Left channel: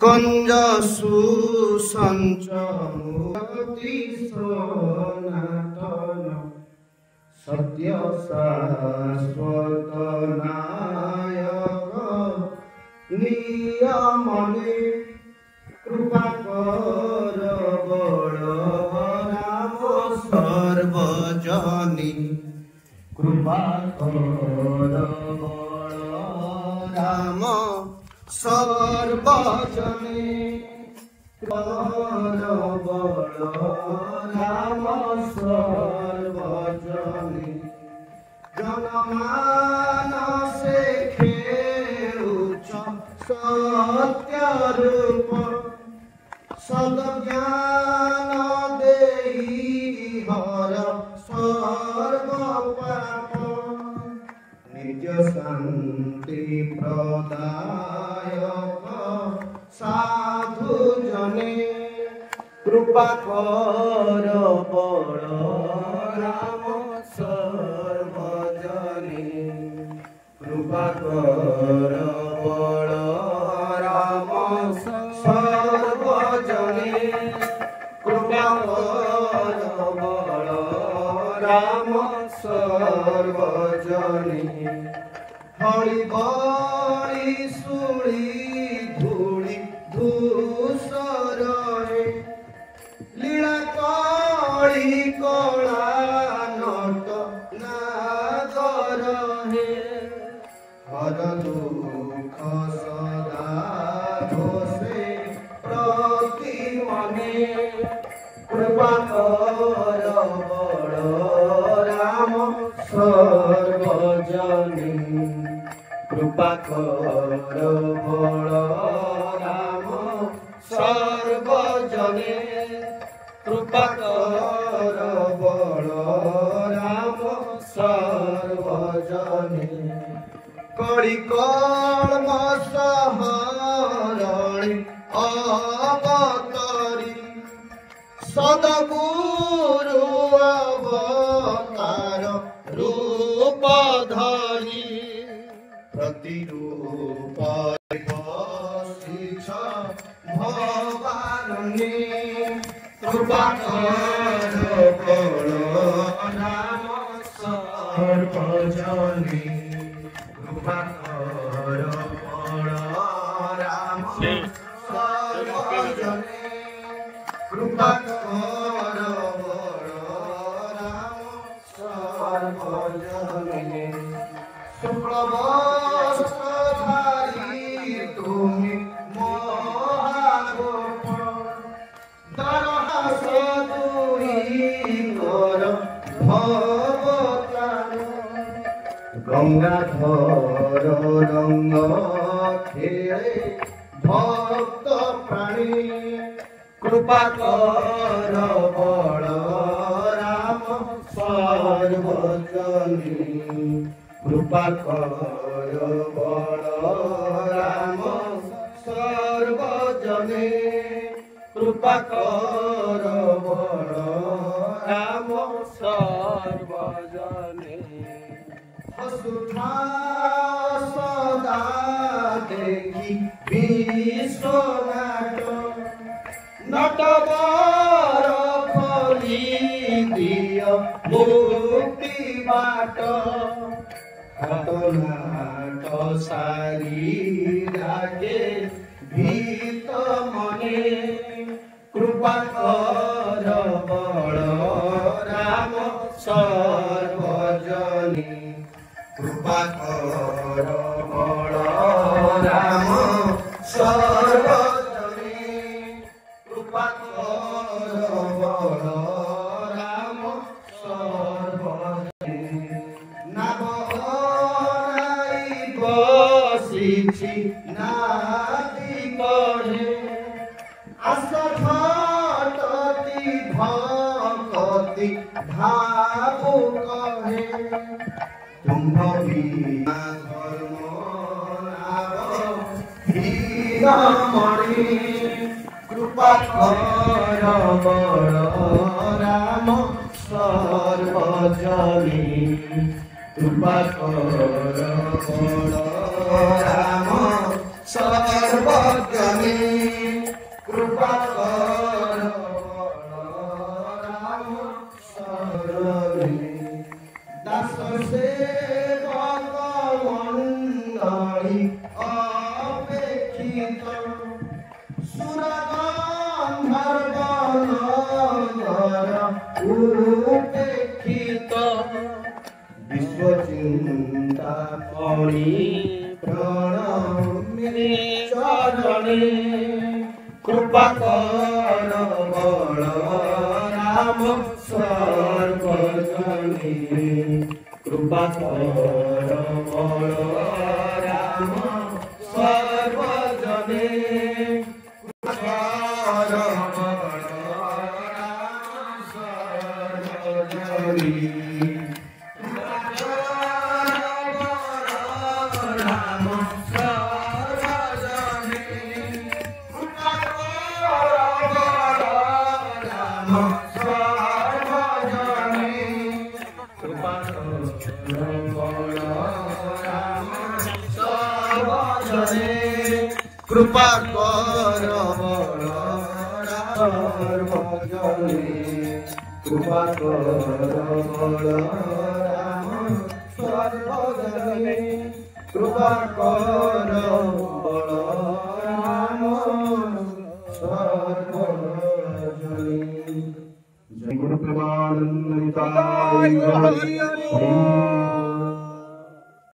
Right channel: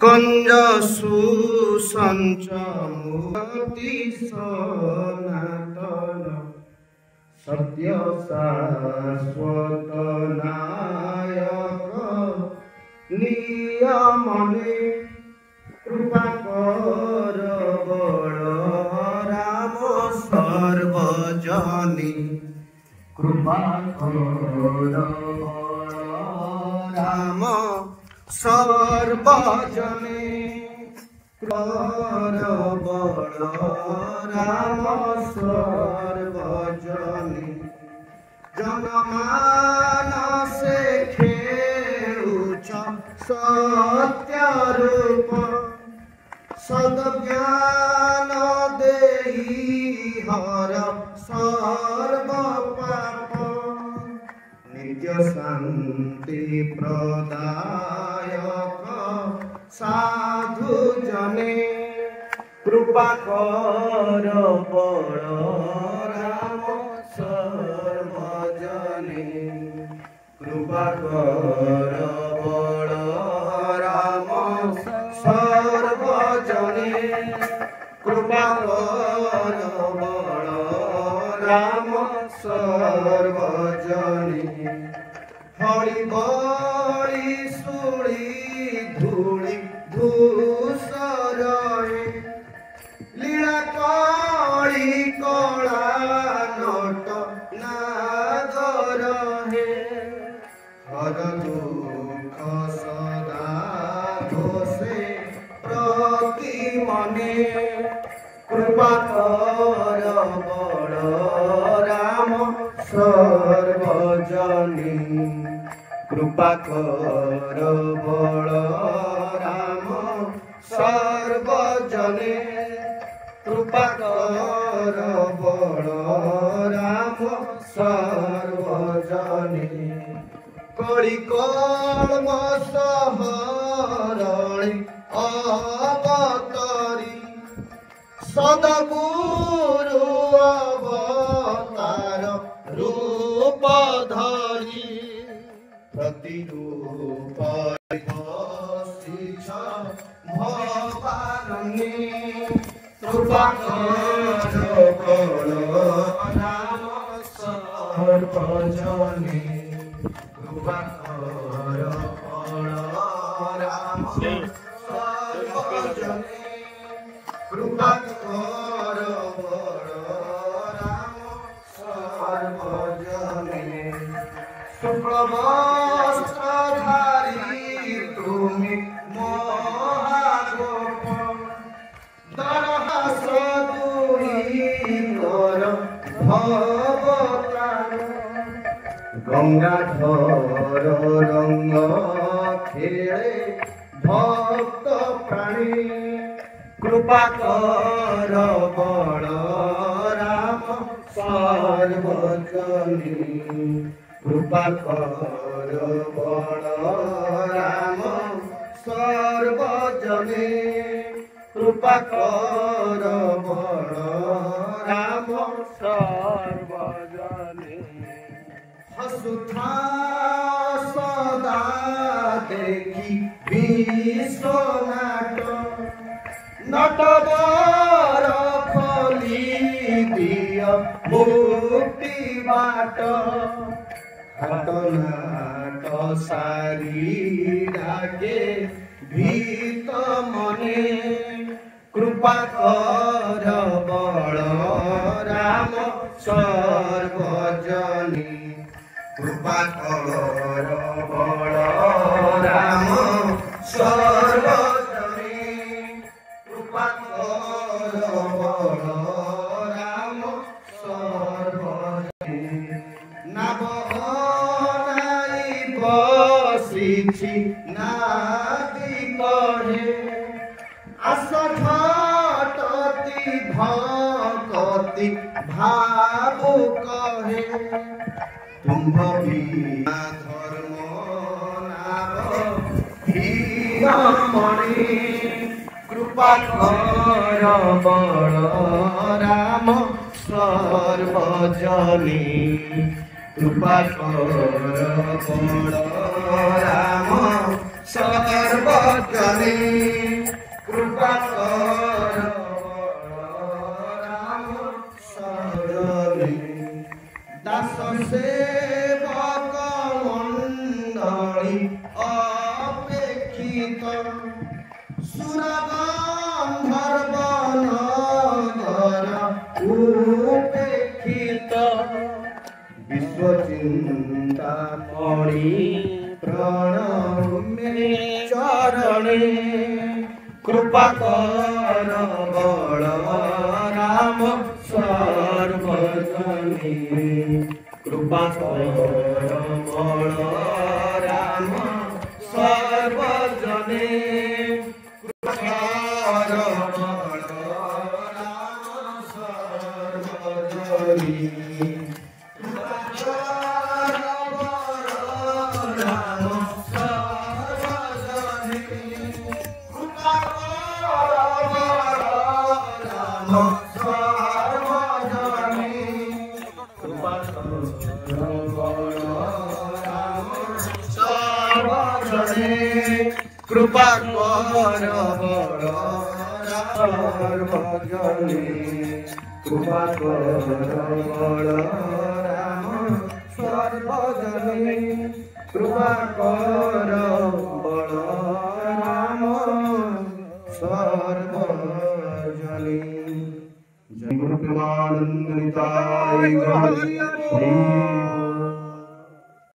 कंज सुसंचमुक्ति सनातन सत्य शाश्वत नायक नियमने कृपा कर बड़ राम सर्वजनी कृपा कर बड़ राम सर्वजनी कर बड़ राम सर्वजनी जनमानसे खेलुच सत्य रूप सद्ज्ञान देहि हर सर्व पाप नित्य शांति प्रदायक साधु जने कृपा कर बड़ राम सर्वजने कृपा कर बड़ राम सर्वजने कृपा कर बड़ राम सर्वजने हरि बड़ी सुड़ी धूली धूसरे लीला कड़ी कला नट नागर हे हर दुख सदा दोषे प्रति मने कृपा कर बड़ राम सर्वजनी कृपा कर बड़ राम सर्वजने कृपा कर बड़ राम सर्वजने कड़ी कल्म सहरणी अवतारी सदगुरु अवतार रूप धरी प्रतिरूप भवानी कृपा कर बड़ राम सर्वजनी कृपा कर बड़ राम सर्वजनी कृपा कर बड़ राम सर्वजनी शुक्लवस्त्रधारी तुमि महागोप दरहास दूरी कर भवतार गंगाधर रंग खेले भक्त प्राणी कृपा कर बड़ राम सर्वजनी कृपा कर बड़ राम सर्वजने कृपा कर बड़ राम सर्वजने हसुथा सदा देखी विश्वनाथ नटवर फली दिय मुक्ति बाट हतनाट सारी लागे भीत मने कृपा कर बड़ राम सर्वजनी कृपा कर बड़ राम सर्वजनी कृपा कर बड़ राम सर्वजनी बसिछि नादी कहे असभटति भक्ति भावु कहे तुम्भ बिना धर्म नामणि कृपा कर बड़ राम सर्वजनी कृपा कर बड़ राम सर्वजने कृपा कर राम शरणे दास सेवक मंडली अपेक्षित सुरगंधर्वनगर उपेक्षित विश्वचिंतामणि प्रणमे चरणे कृपा कर बल राम सर्वजने कृपा कर बल राम सर्वजने कृपा कर बल राम सर्वजने कृपा कर बल सर्वजने कृपा कर बल राम सर्वजने कृपा कर बल राम सर्वजने जय गुरु प्रेमानंद निताय श्री